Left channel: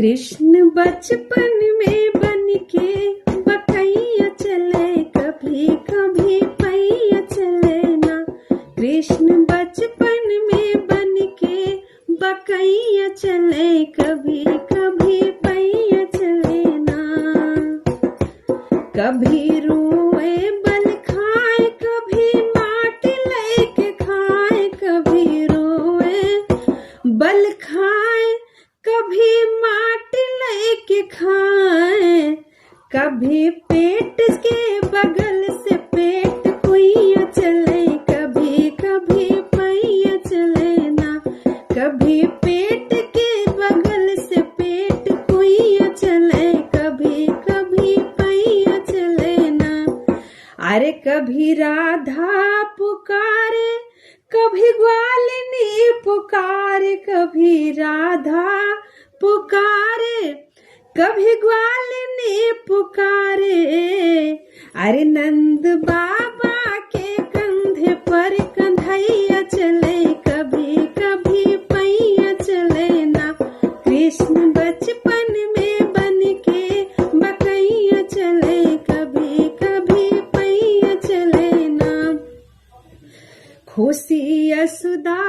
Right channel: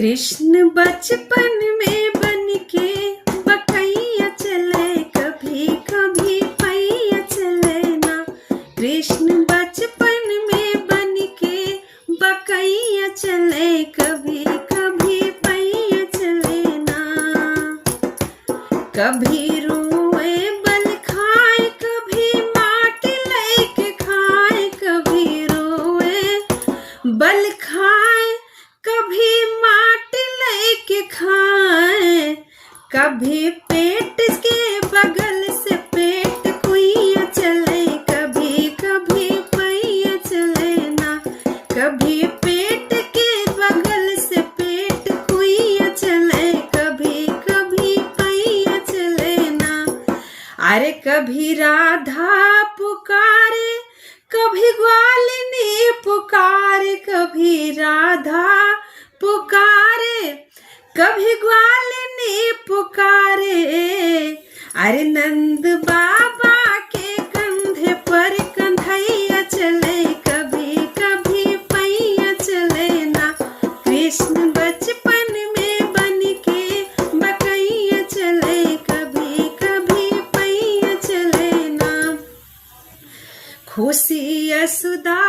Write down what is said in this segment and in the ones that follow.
कृष्ण बचपन में बनके बकैया चले, कभी कभी पैया चले ना। कृष्ण बचपन में बनके बकैया चले, कभी कभी पैया चले ना। कभी रोए बल खाए, कभी माटी लेके खाए, कभी रोए बल खाए, कभी माटी लेके खाए, कभी पेट के बगल से पेट कुइया चले, कभी कभी पैया चले ना। कभी पेट के बगल से पेट कुइया चले, कभी कभी पैया चले ना। अरे कभी राधा पुकारे, कभी ग्वालिनी पुकारे, कभी राधा पुकारे, कभी ग्वालिनी पुकारे। अरे नंद बाबा के कंधे पर कंधैया चले, कभी कभी पैया चले ना। कृष्ण बचपन में बनके बकैया चले, कभी कभी पैया चले ना। खुशी यशोदा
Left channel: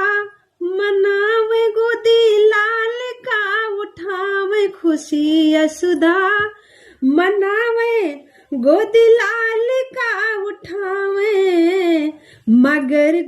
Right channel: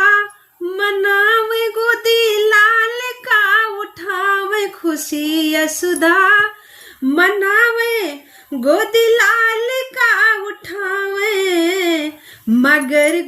मनावे, गोदी लाल का उठावे, खुशी यशोदा मनावे, गोदी लाल का उठावे, मगर